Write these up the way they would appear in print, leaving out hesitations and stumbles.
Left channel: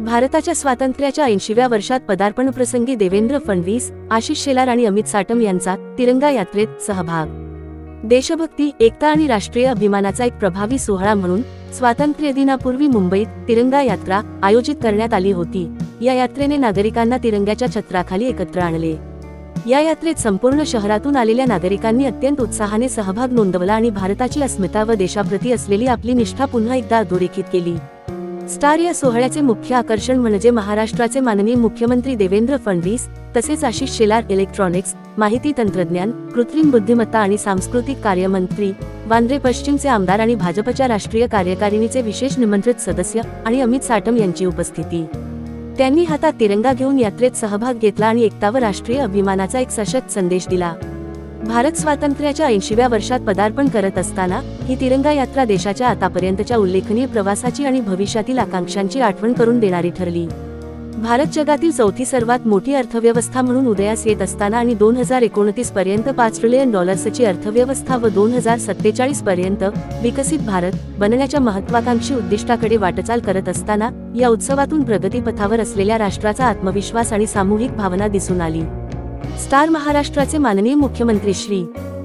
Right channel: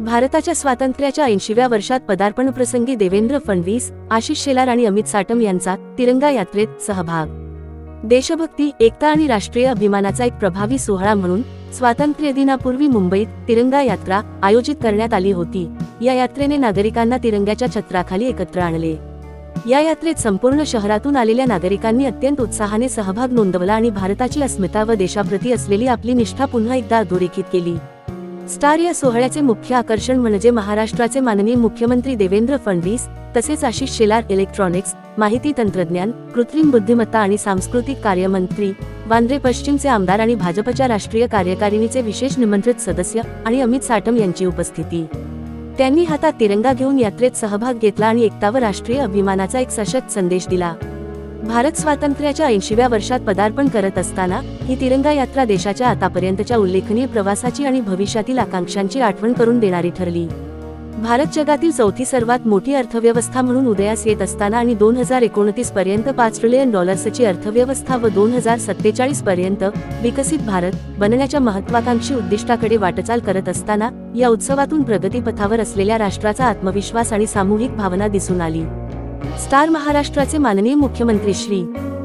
भारताच्या स्वातंत्र्याच्या 80व्या वर्षात पदार्पणप्रसंगी देवेंद्र फडणवीस, आशिष शेलार आणि अमित साटम यांचा तिरंगा यात्रेत सहभाग. देशभक्ती, एकता आणि राष्ट्रीय अभिमानाचा एक प्रभावी सोहळा म्हणून स्वातंत्र्य दिनापूर्वी मुंबईत तिरंगा यात्रा आयोजित करण्यात आली होती. या यात्रेने नागरिकांना तिरंग्याच्या छत्राखाली एकत्र आणले. या यात्रेत संपूर्ण शहरातून आलेल्या नागरिकांनी अत्यंत उत्साहाने सहभाग नोंदवला आणि भारताची अस्मिता व देशाप्रती असलेली आपली निष्ठा पुन्हा एकदा अधोरेखित केली. स्टार या सोहळ्याचे मुख्य आकर्षण म्हणजे महाराष्ट्राचे माननीय मुख्यमंत्री देवेंद्र फडणवीस तसेच आशिष शेलार, इलेक्ट्रॉनिक्स, माहिती तंत्रज्ञान, कृत्रिम बुद्धिमत्ता आणि सांस्कृतिक कार्य मंत्री, वांद्रे पश्चिमचे आमदार आणि भाजपच्या राष्ट्रीय कार्यकारिणीचे विशेष निमंत्रित सदस्य आणि अमित साटम यांची उपस्थिती. त्यांनी हातात तिरंगा घेऊन यात्रेत सहभाग घेतला आणि एकता व राष्ट्रीय अभिमानाचा एक सशक्त संदेश दिला. भारत स्वातंत्र्याच्या 80व्या वर्षात पदार्पण करत असताना ही तिरंगा यात्रा देशाच्या आतापर्यंतच्या उल्लेखनीय प्रवासाची आणि भविष्यातील आकांक्षांची आठवण करून देणारी ठरली. भारत जगातील चौथी सर्वात मोठी अर्थव्यवस्था म्हणून उदयास येत असताना आणि 2029 पर्यंत $5 ट्रिलियन अर्थव्यवस्था व 2047 पर्यंत विकसित भारत बनण्याच्या महत्त्वाकांक्षी उद्दिष्टाकडे वाटचाल करत असताना या उत्सवातून प्रगतीपथावर असलेल्या राष्ट्राचा आत्मविश्वास आणि सामूहिक भावना दिसून आली. स्टार महाराष्ट्राचे माननीय मुख्यमंत्री श्री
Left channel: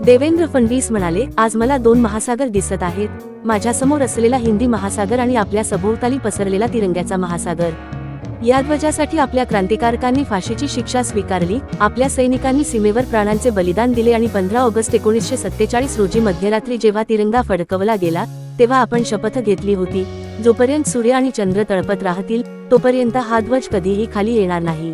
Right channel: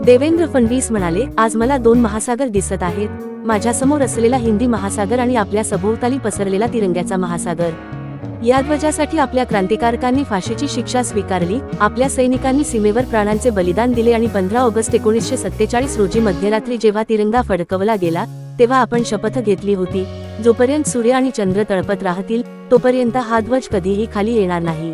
देवेंद्र फडणवीस म्हणाले, आज मला 2 महासागर दिसत आहेत. माझ्यासमोर असलेला हिंदी महासागर आणि आपल्या सभोवताली पसरलेला तिरंग्याचा महासागर. या ध्वजासाठी आपल्या क्रांतिकारकांनी फाशीची शिक्षा स्वीकारली, आपल्या सैनिकांनी सीमेवर प्राणांचे बलिदान दिले आणि 15 ऑगस्ट 1947 रोजी मध्यरात्री जेव्हा तिरंगा फडकवला गेला तेव्हा आपण शपथ घेतली होती, जोपर्यंत सूर्य आणि चंद्र तळपत राहतील तोपर्यंत हा ध्वज कधीही खाली येणार नाही.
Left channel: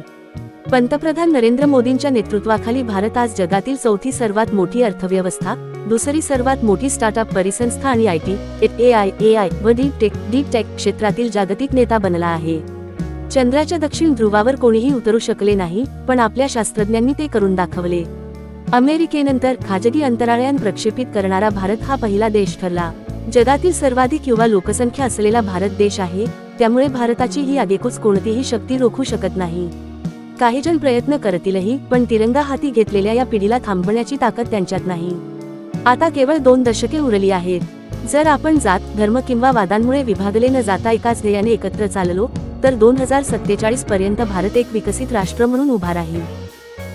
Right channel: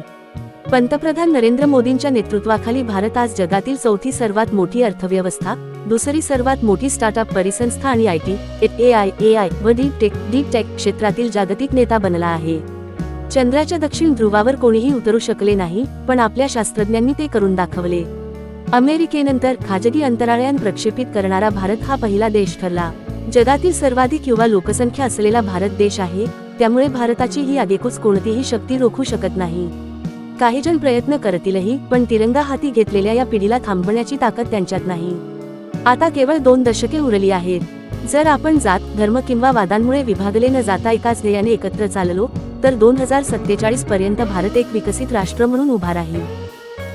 पंतप्रधान नरेंद्र मोदींच्या नेतृत्वाखाली भारत आज जगातील चौथी सर्वात मोठी अर्थव्यवस्था, दुसरी सर्वात मोठी स्टार्टअप परिसंस्था आणि आयटी, एआय व डीप टेक क्षेत्रातील जागतिक नेता बनला आहे. चंद्राच्या दक्षिण ध्रुवावर कोणीही उतरू शकले नाही, पण आपल्या शास्त्रज्ञांनी ते करून दाखवले. अमेरिकेनंतर खाजगी अंतराळयान प्रक्षेपित करणारा भारत हा पहिला देश ठरला. जगातील सर्वाधिक युवा लोकसंख्या असलेला भारत देश आहे, त्यामुळे भारताची ही आगेकूच कोणतीही शक्ती रोखू शकत नाही. काही जण प्रयत्न करतीलही, पण तिरंगा हाती घेतलेल्या या पिढीला थांबवण्याची ताकद त्यांच्यात नाही. आता केवळ 2 दशके उरली आहेत. जर आपण जात, धर्म किंवा वादांमुळे विभागले न जाता एकाच ध्येयाने एकत्र चाललो तर 2047 पर्यंत भारत एक विकसित राष्ट्र म्हणून उभा राहील.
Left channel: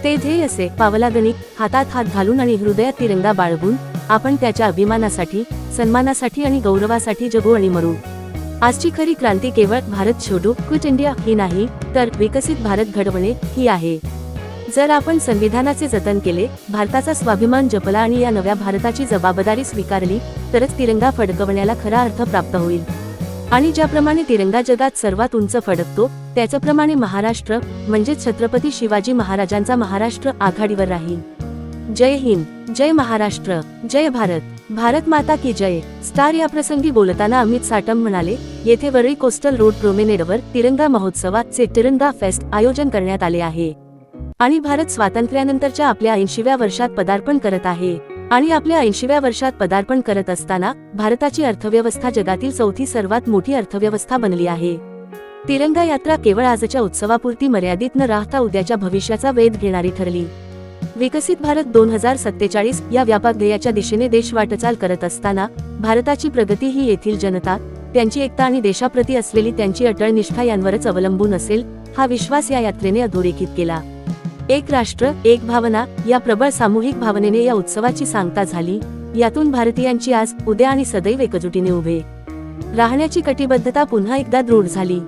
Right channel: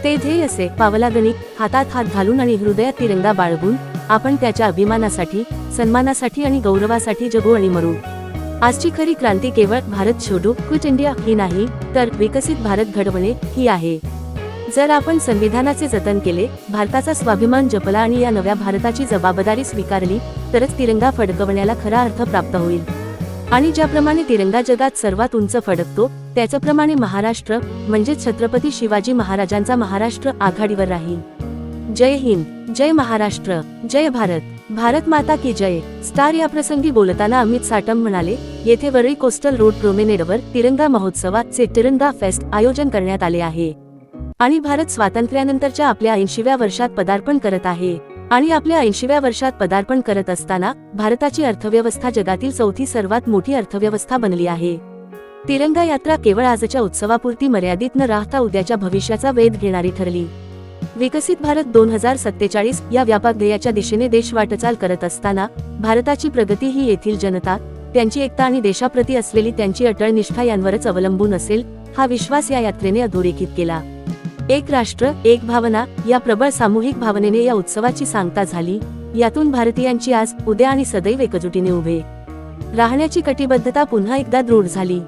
ते ध्येय असे पावलागणिक, हातात हात घालून आणि हृदयात तिरंगा बाळगून आपण त्याच्या अभिमानासाठी, सन्मानासाठी आणि गौरवासाठी जगू आणि मरू. आजची खरी क्रांती केवळ भारत छोडो क्विट इंडिया ही नाही, तर विकसित भारत घडवणे ही आहे. जर आपण संविधानाचे जतन केले, भारताचा स्वाभिमान जपला आणि या नव्या भारताची जबाबदारी स्वीकारली तरच तिरंगा फडकवण्याला खरा अर्थ प्राप्त होईल. आणि ज्याप्रमाणे तिरंगा जगात सर्वात उंच फडकतो, त्याचप्रमाणे महाराष्ट्र म्हणजे छत्रपती शिवाजी महाराजांचा महाराष्ट्र आघाडीवर राहील. जय हिंद, जय महाराष्ट्र, जय भारत, भारत माता की जय. स्टार या प्रसंगी बोलताना अमित साटम म्हणाले, येथे वरळी कोस्टल रोड प्रोमेनेडवर तिरंगा महोत्सवाचे तिरंगा फेस्ट आयोजन करण्यात आले आहे. आणि भारत स्वातंत्र्यानंतरच्या आपल्या 80व्या वर्षात पदार्पण करत आहे. आणि आपल्या 80व्या वर्षात पदार्पण करत असताना भारताची अर्थव्यवस्था जगातील चौथी सर्वात मोठी अर्थव्यवस्था बनली आहे. तिरंगा यात्रा केवळ आजच्या उत्सवापुरती मर्यादित न राहता उद्याच्या भविष्याचा वेध घेणारी ठरली. विकसित भारत 2047 या व्यापक ध्येयाच्या दिशेने देश वाटचाल करत असताना भारताची प्रगती ही येथील जनता, त्यांची एकता आणि देशाप्रती असलेली त्यांची अटळ निष्ठा यांवरच अवलंबून असेल, हा विश्वास या यात्रेने अधोरेखित केला. एक राष्ट्र, एक भावना या प्रबळ सामूहिक भावनेने या उत्सवाची सांगता झाली. यातून भारतीयांची आज, उद्या आणि सदैव एकजुटीने उभे राहण्याची कटिबद्धता पुन्हा एकदा दृढ झाली.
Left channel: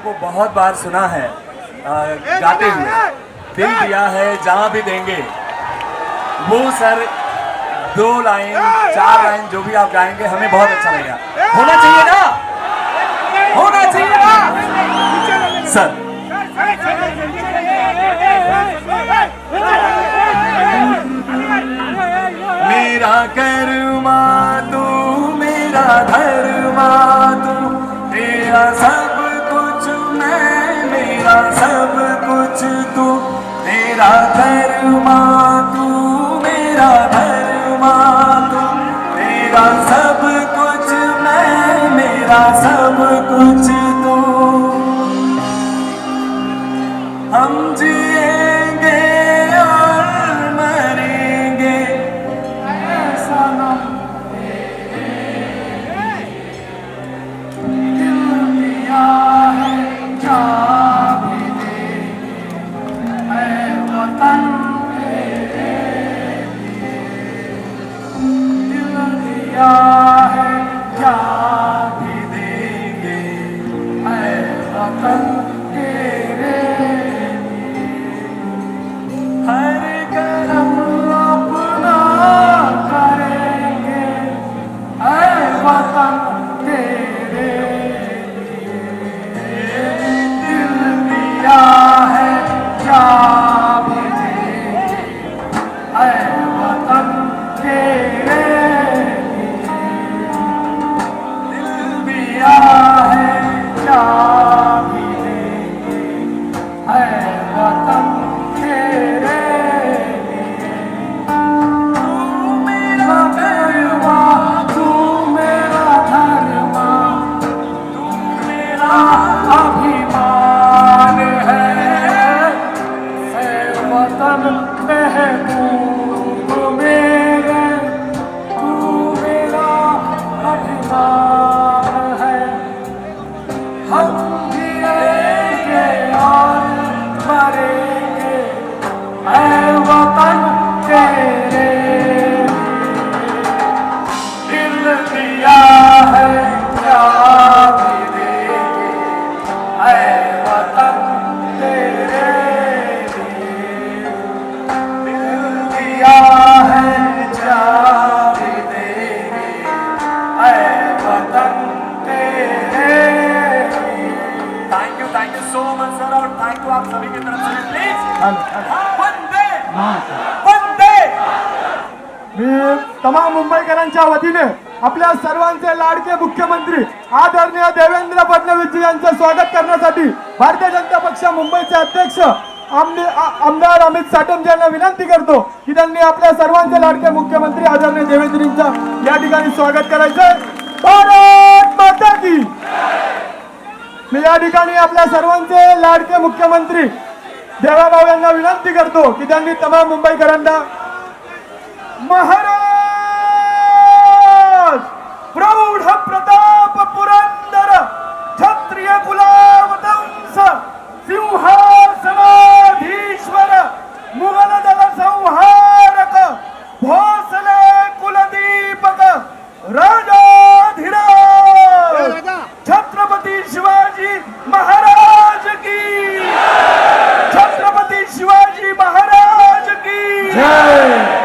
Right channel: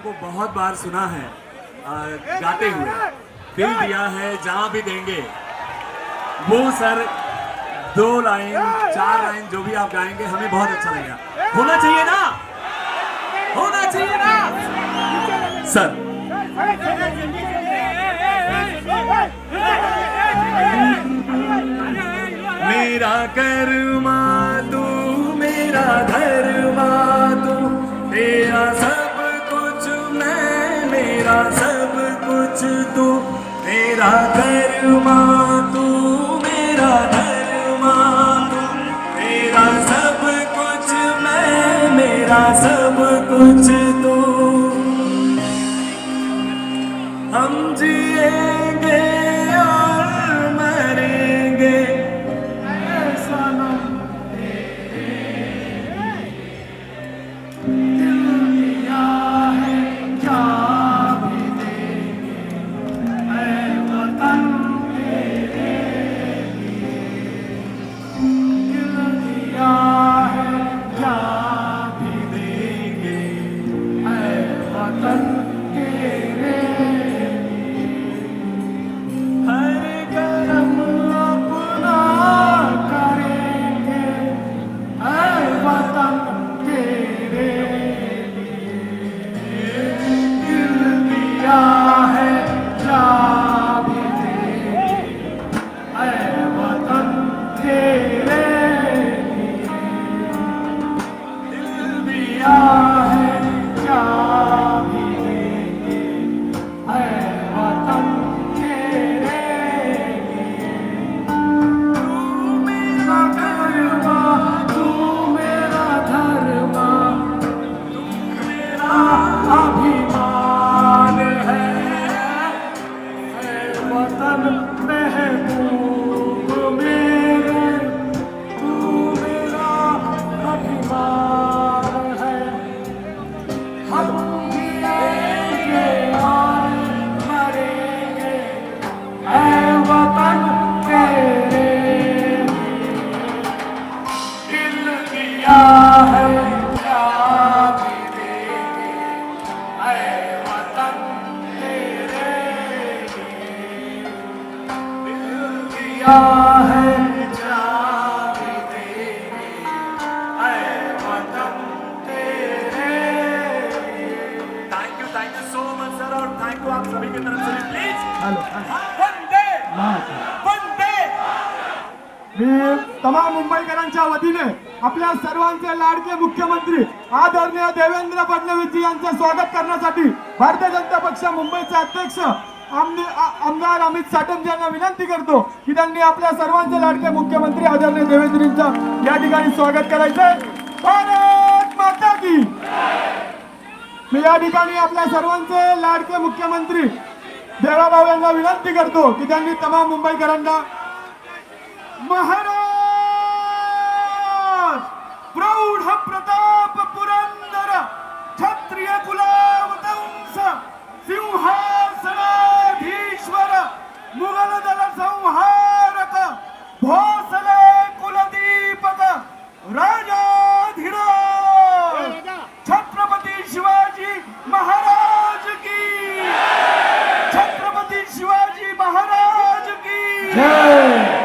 को बहुत बार सुना है गाते हुए, दिल दिया है जहां भी देंगे। वो सर 2 लाइन 4 लाइन जो भी आप गाएंगे हमें बहुत अच्छा लगेगा। होना चाहिए ना, होना चाहिए ना सर। मेरा कर्मा तू, मेरा धर्मा तू, तेरा सब कुछ मैं, मेरा सब कुछ तू। मेरा कर्मा तू, मेरा धर्मा तू, तेरा सब कुछ मैं, मेरा सब कुछ तू। हम जिएंगे और मरेंगे ऐसा ना दिया है क्या भी देंगे ऐ वतन तेरे लिए। दिल दिया है क्या भी देंगे ऐ वतन तेरे। हर करम अपना करेंगे ऐ वतन तेरे लिए। दिल दिया है क्या भी देंगे ऐ वतन तेरे लिए। दिल दिया है क्या भी देंगे ऐ वतन तेरे लिए। तू मेरा धर्मा, तू मेरा धर्मा, तू मेरा अभिमान है वतन महबूब मेरे। तू मेरा अभिमान है। हम जिएंगे और मरेंगे ऐ वतन तेरे लिए। दिल दिया है क्या भी देंगे ऐ वतन तेरे लिए। दिल दिया है क्या भी देंगे ऐ वतन तेरे लिए। Thank you so much sir, और थैंक यू आप सभी की तरफ से। प्लीज वंदे वंदे। मी तमाम मुंबईकरांच्या वतीने आपल्या सर्वांचे लाडके मुख्यमंत्री आदरणीय देवेंद्र फडणवीस यांचं स्वागत करण्यासाठी भारतीय जनता पक्ष मुंबईचे अध्यक्ष आमदार अमित साटम यांना विनंती करतो की त्यांनी आपल्या सर्वांचे लाडके मुख्यमंत्री आदरणीय देवेंद्रजींचं या ठिकाणी स्वागत करायचंय। भारत माता की। मी या ठिकाणी आपल्या सर्वांचे लाडके मुख्यमंत्री देवाभाऊ यांना विनंती करतो की त्यांनी तमाम मुंबईकरांना महाराज प्रौढ प्रताप पुरंदर क्षत्रिय कुलावतंस सिंहासनाधीश्वर मुघल दल संहारक भोसले कुलदीपक राजाधिराज छत्रपती शिवाजी महाराज की। छत्रपती शिवाजी महाराज की जय।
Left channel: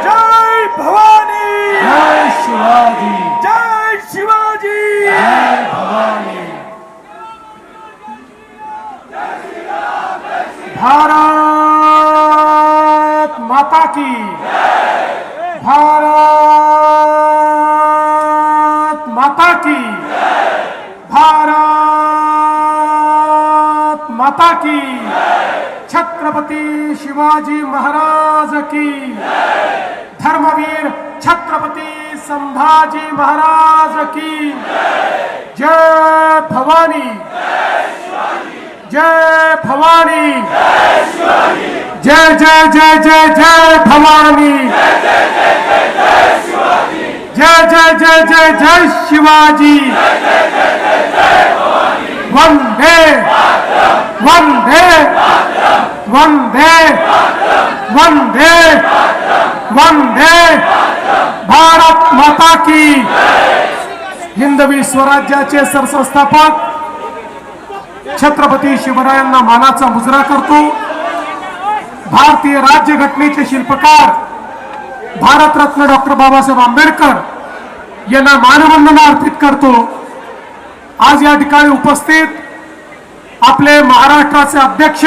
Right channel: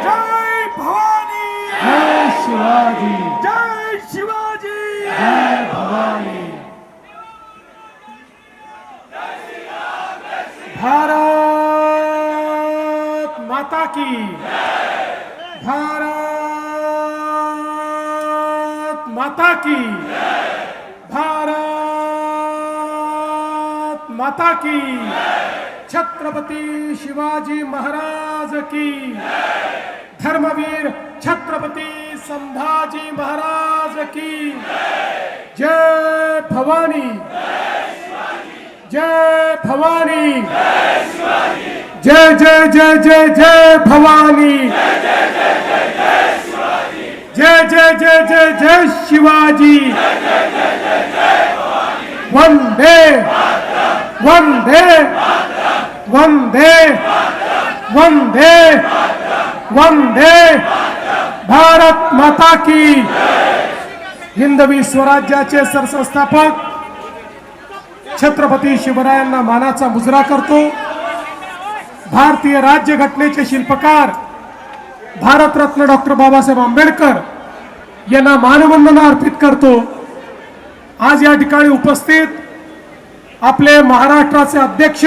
जय भवानी, जय शिवाजी, जय शिवाजी, जय भवानी। भारत माता की। भारत माता की। भारत माता की। छत्रपती शिवाजी महाराज की। धर्मवीर छत्रपती संभाजी महाराज की जय भवानी। जय भवानी। जय जय जय जय जय भवानी। जय जय जय जय जय शिवाजी। वंदे वंदे वंदे वंदे वंदे भारत माता की। हिंदवी स्वराज्याचे सरसंस्थापक छत्रपती शिवरायांना मानाचा मुजरा करतो। भारतीय राज्यघटनेचे शिल्पकार भारतरत्न डॉक्टर बाबासाहेब आंबेडकर यांना मानवंदना अर्पित करतो। आज या ठिकाणी उपस्थित आपले महाराष्ट्राचे अध्यक्ष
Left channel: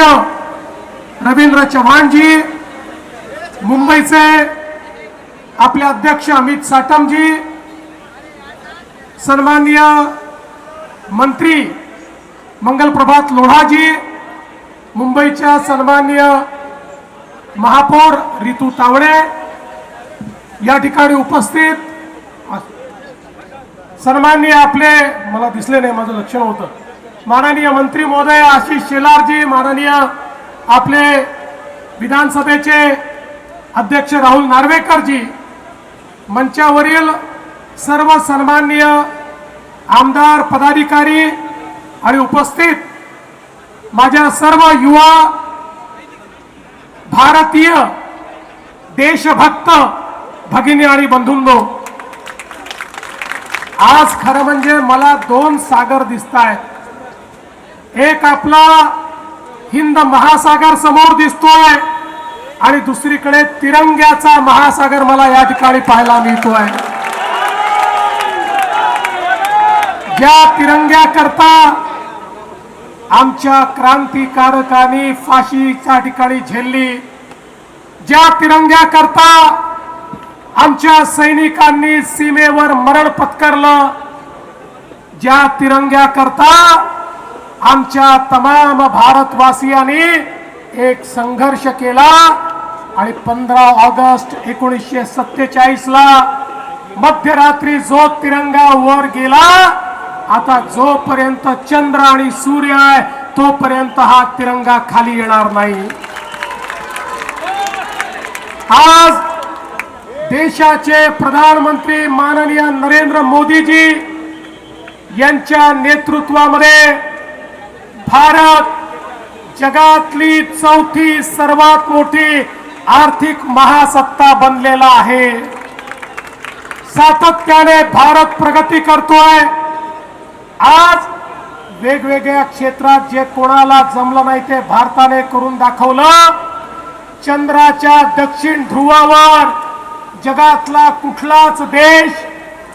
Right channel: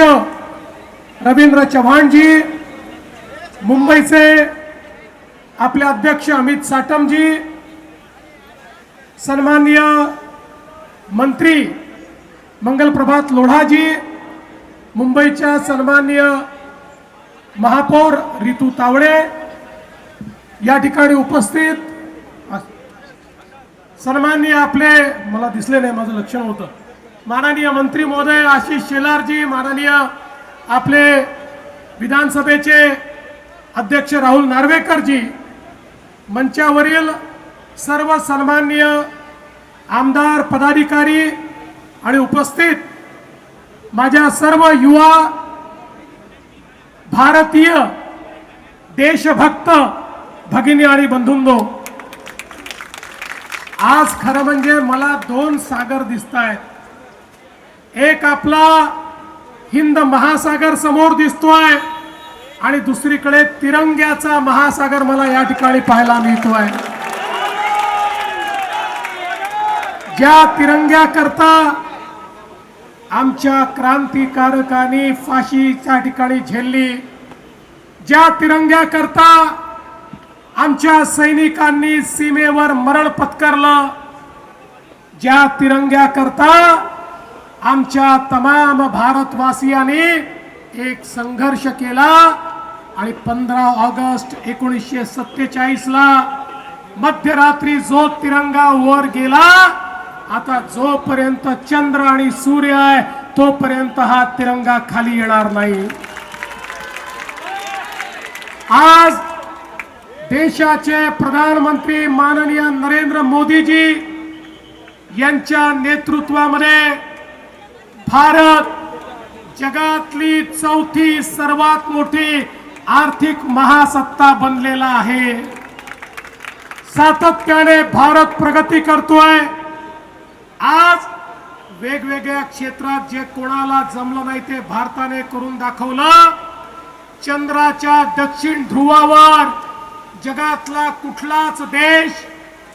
रवींद्र चव्हाणजी, मुंबईचे आपले अध्यक्ष अमित साटमजी, सन्माननीय मंत्री मंगलप्रभात लोढाजी, मुंबईच्या सन्माननीय महापौर रितू तावडे, या ठिकाणी उपस्थित सन्माननीय आपले, मला दिसले नाही, माझं लक्ष नव्हतं, माननीय मंत्री महोदय आशिष शेलारजी, माननीय आपले विधानसभेचे अध्यक्ष राहुल नार्वेकरजी, मंचावरील सर्व सन्माननीय आमदार पदाधिकारी आणि उपस्थित माझ्या सर्व युवा भारतीय देशभक्त भगिनी आणि बंधूंनो, आज खरं म्हणजे मला दोन सागर दिसतायत। एक आपला हिंद महासागर समोर दिसतोय आणि दुसरीकडे तिरंग्याचा महासागर मला या ठिकाणी पाहायला मिळतोय। ज्या तिरंग्याकरता आमच्या क्रांतिकारकांनी फाशीच्या ठिकाणी झेलली, ज्या तिरंग्याकरता आमच्या सैनिकांनी सीमेवर मरण पत्करलं, ज्या तिरंग्याकरता आमच्या तमाम भारतवासियांनी एक संघर्ष केला आणि 15 ऑगस्ट 1947 ला मध्यरात्री जो तिरंगा वर गेला, आता जोपर्यंत चंद्र आणि सूर्य आहे तोपर्यंत हा तिरंगा खाली येणार नाही। आज देशाचे प्रधानमंत्री माननीय नरेंद्र मोदीजी यांच्या नेतृत्वामध्ये भारत जगातली चौथी सर्वात मोठी आर्थिक महासत्ता बनलेला आहे। सातत्याने भारत प्रगती करतोय। आज वेगवेगळ्या क्षेत्रात जे कोणाला जमलं नाही ते भारताने करून दाखवलं। चंद्राच्या दक्षिण ध्रुवावर जगातला कुठलाच देश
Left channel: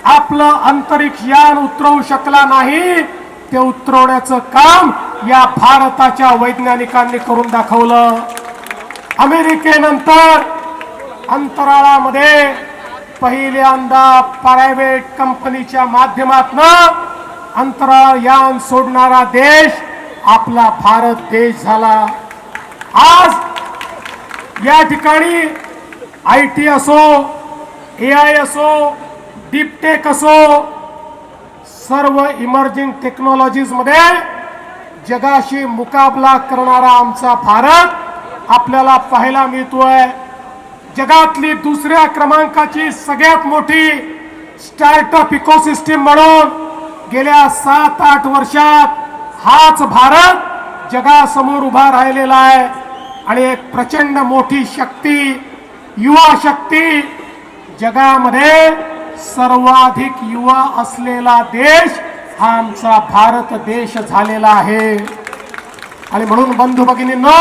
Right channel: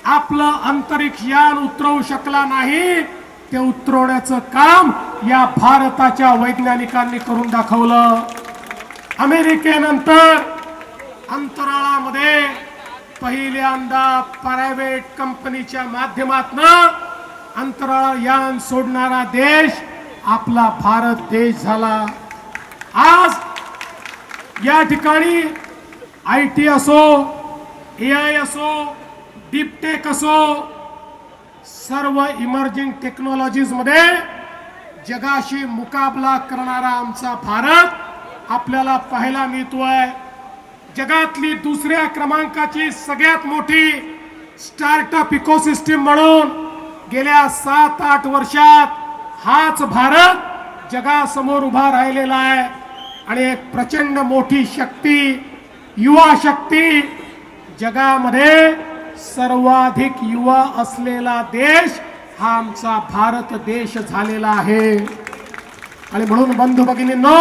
आपलं अंतरिक्ष यान उतरवू शकला नाही, ते उतरवण्याचं काम या भारताच्या वैज्ञानिकांनी करून दाखवलं। अमेरिकेनंतर अंतराळामध्ये पहिल्यांदा प्रायव्हेट कंपनीच्या माध्यमातून अंतराळ यान सोडणारा देश आपला भारत देश झाला। आज या ठिकाणी IT असो, AI असो, डीपटेक असो, सर्व इमर्जिंग टेक्नॉलॉजीज मध्ये जगाशी मुकाबला करणारा आमचा भारत आपल्याला पाहायला मिळतोय। जगातली दुसऱ्या क्रमांकाची सगळ्यात मोठी स्टार्टअप इकोसिस्टीम म्हणून गेल्या 7-8 वर्षात हाच भारत जगासमोर उभा राहिलेला आहे आणि एक प्रचंड मोठी शक्ती, युवा शक्ती, जगामध्ये सर्वाधिक युवा असलेला देश हा आमचा भारत देश झालेला आहे। आणि म्हणून बंधू भगिनींनो,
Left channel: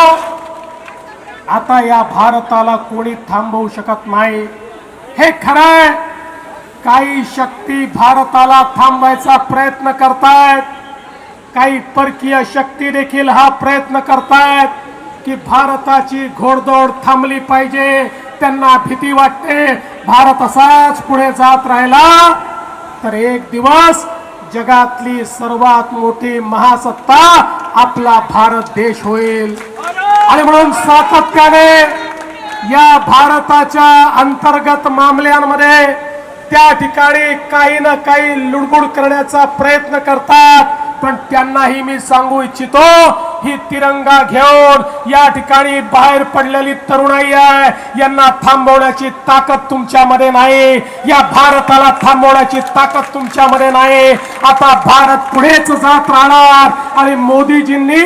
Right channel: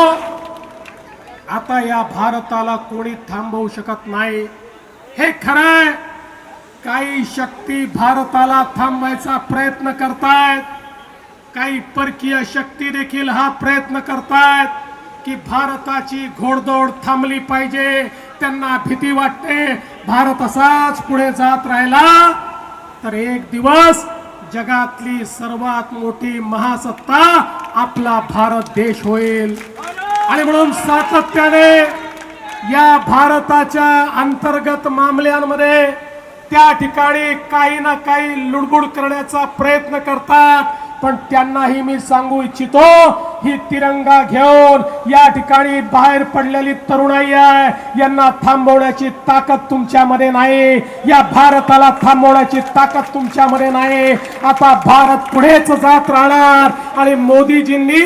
आता या भारताला कोणी थांबवू शकत नाही। हे खरंय, काही शक्ती भारताला थांबवायचा प्रयत्न करतायत, काही परकीय शक्ती देखील हा प्रयत्न करतायत की भारताची घोडदौड थांबली पाहिजे। त्यांना भीती वाटते भारत असाच पुढे जात राहिला तर एक दिवस जगातली सर्वात मोठी महासत्ता आपला भारत देश होईल। आणि म्हणून सातत्याने या भारताच्या अंतर्गत मामल्यांमध्ये त्या ठिकाणी काही ना काही लुडबुड करण्याचा प्रयत्न करतात, पण त्यांनाही मी सांगू इच्छितो, ही तिरंगा घेऊन या ठिकाणी बाहेर पडलेली तरुणाई आहे, यांना थांबवण्याची ताकद तुमच्यामध्ये नाही, या भारताला थांबवण्याची ताकद तुमच्यामध्ये नाही। आता भारत पुढेच जात राहणार आणि मोदीजींनी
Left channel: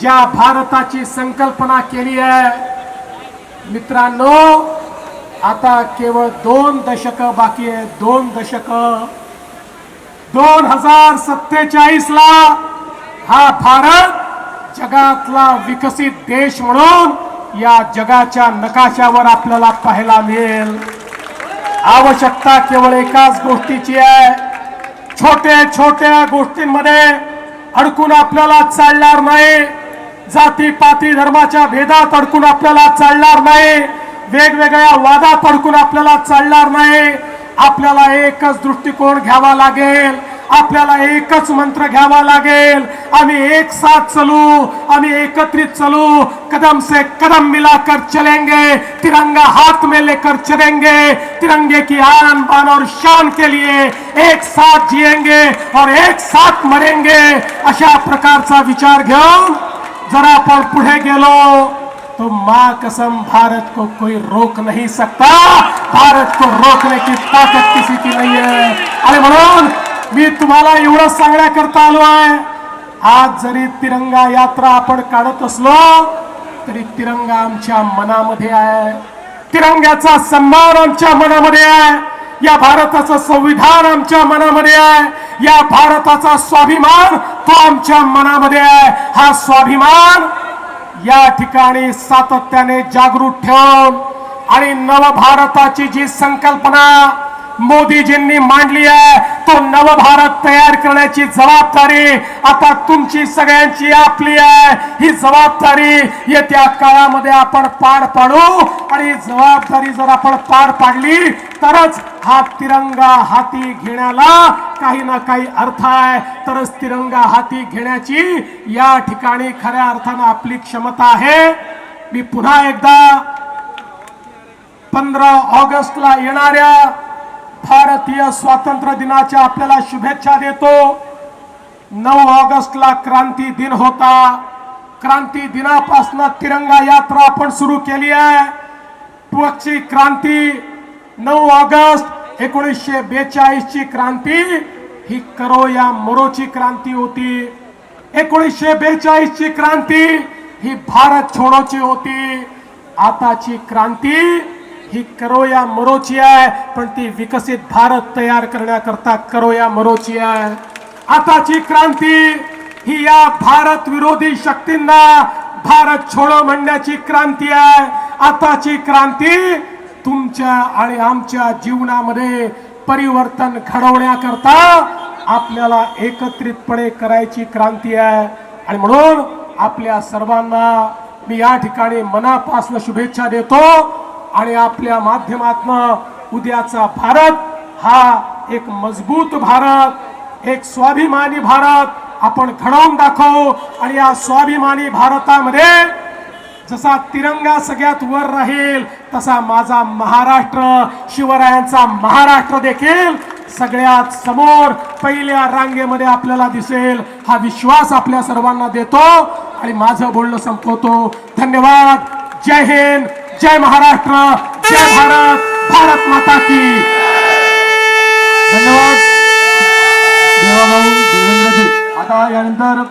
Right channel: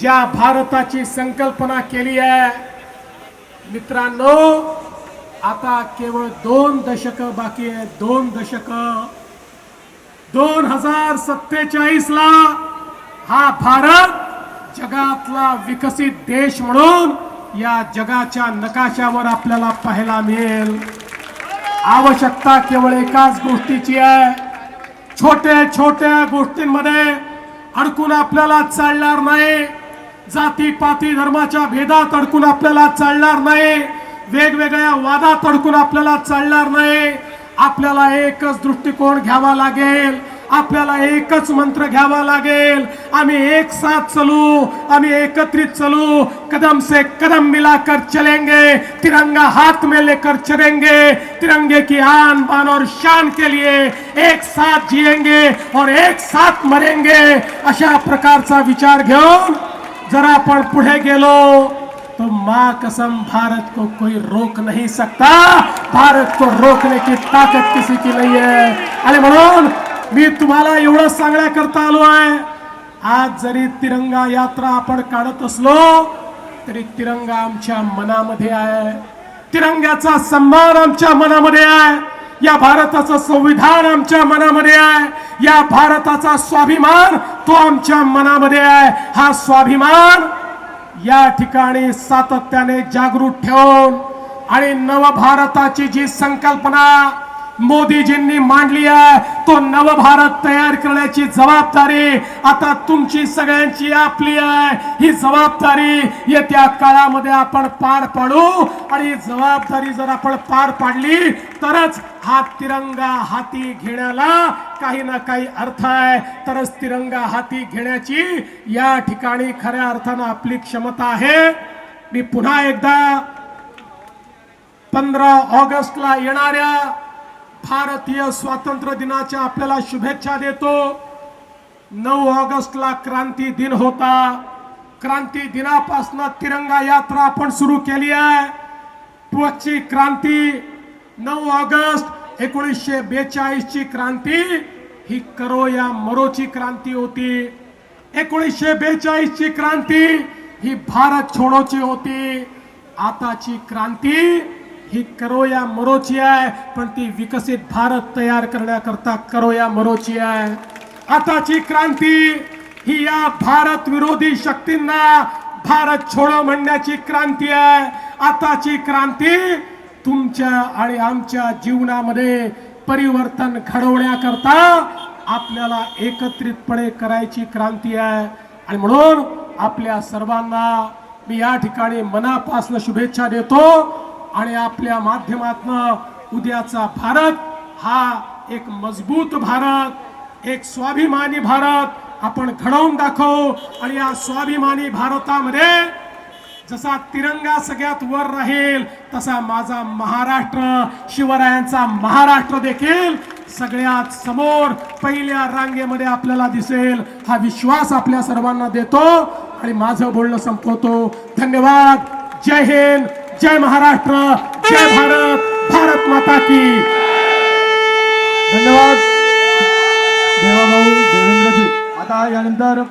ज्या भारताची संकल्पना केली आहे, मित्रांनो, आता केवळ 2 दशक बाकी आहे। 2 दशक 2047 ला हा भारत जगातला विकसित देश म्हणून या जगाच्या नकाशावर आपल्याला पाहायला मिळेल. आवश्यकता केवळ एकाच गोष्टीची आहे. छोट्या छोट्या गोष्टींमध्ये अडकून आपल्याला चालणार नाही. जाती पाती धर्माच्या भेदात अडकून आपल्याला चालणार नाही. वेगवेगळ्या वादात अडकून आपल्याला चालणार नाही. आपल्याला एकच दृष्टिकोन घ्यावा लागेल. आपल्याला एकच मंत्र घ्यावा लागेल. आम्ही एक साथ चलू, आम्ही एकत्रित चलू, कदम से कदम मिलाकर चलेंगे, तिरंगा हाथ में लेकर चलेंगे, तिरंगे की आन बान और शान के लिए एक साथ जिएंगे और एक साथ मरेंगे. अशा प्रकारचा विचार घेऊन जर आपण पुढे गेलो तो मां कसम भारत को कोई रोक नहीं सकता. भारत को रोकने की ताकत किसी की नहीं है. आणि म्हणून मी तुम्हाला एवढं सांगण्याकरता आलो आहे. आज जरी तिरंगा यात्रा आपण काढत असलो तरी तिरंगा आमच्या मनामध्ये आहे. तिरंग्याचा सन्मान आमच्या मनामध्ये आहे. या भारताचं संविधान आमच्या मनामध्ये आहे. या भारताचा स्वाभिमान तो आमच्या मनामध्ये आहे. हा स्वाभिमान या ठिकाणी सातत्याने जागृत ठेवून आणि नवभारताची जी संकल्पना मोदीजींनी मांडली आहे तो नवभारत तयार करण्याची जबाबदारी आता तुमची सगळ्यांची आपली आहे. ही जबाबदारी येत्या काळामध्ये आपण पार पाडू आणि जबाबदारी जर आपण पार पाडली तरच हा तिरंगा हाती घेण्याला काही ना काही अर्थ आहे. तरच तिरंगा हाती घेण्याची या ठिकाणी खऱ्या अर्थानं आपली क्षमता आहे. मी पुन्हा एकदा 15 ऑगस्टला येणाऱ्या भारतीय स्वातंत्र्य दिनाच्या आपल्याला शुभेच्छा देतो. 9 ऑगस्टला क्रांती दिन होता. क्रांती दिनापासून तिरंगा यात्रा आपण सुरू केली आहे. पुढची क्रांती 9 ऑगस्ट 1942 ची क्रांती ही करो या मरोची क्रांती होती. 1942 ची क्रांती ही भारत छोडोची होती. आताची क्रांती ही करो या मरोची आहे, पण ती विकसित भारत तयार करण्याकरता करो या मरोची आहे. आताची क्रांती ही या भारत विरोधी शक्तींना भारत छोडो म्हणण्याची क्रांती आहे. आताची क्रांती तुमच्या आणि आमच्या जीवनामध्ये परिवर्तन घडवण्याकरता आपल्याला एकत्रितपणे करायची क्रांती आहे. आणि म्हणून आपल्या सर्वांना मी या ठिकाणी मनापासून शुभेच्छा देतो. आणि आपल्या माध्यमातून उद्याचा भारत हा एक मजबूत भारत, एक स्वाभिमानी भारत आपण घडवून दाखवू. आणि या स्वाभिमानी भारतामध्ये जसा तिरंगा सगळ्यात वर राहील तसा माझा महाराष्ट्र, शिवरायांचा महाराष्ट्र देखील सगळ्यात समोर पहिल्या रांगेमध्ये आपल्याला दिसेल. हा विश्वास आपल्या सर्वांना देतो आणि माझं बोलणं संपवतो. धन्यवाद. जय हिंद, जय महाराष्ट्र, जय भारत, भारत माता की. धन्यवाद देवाभाऊ देवेंद्रजी. आता यानंतर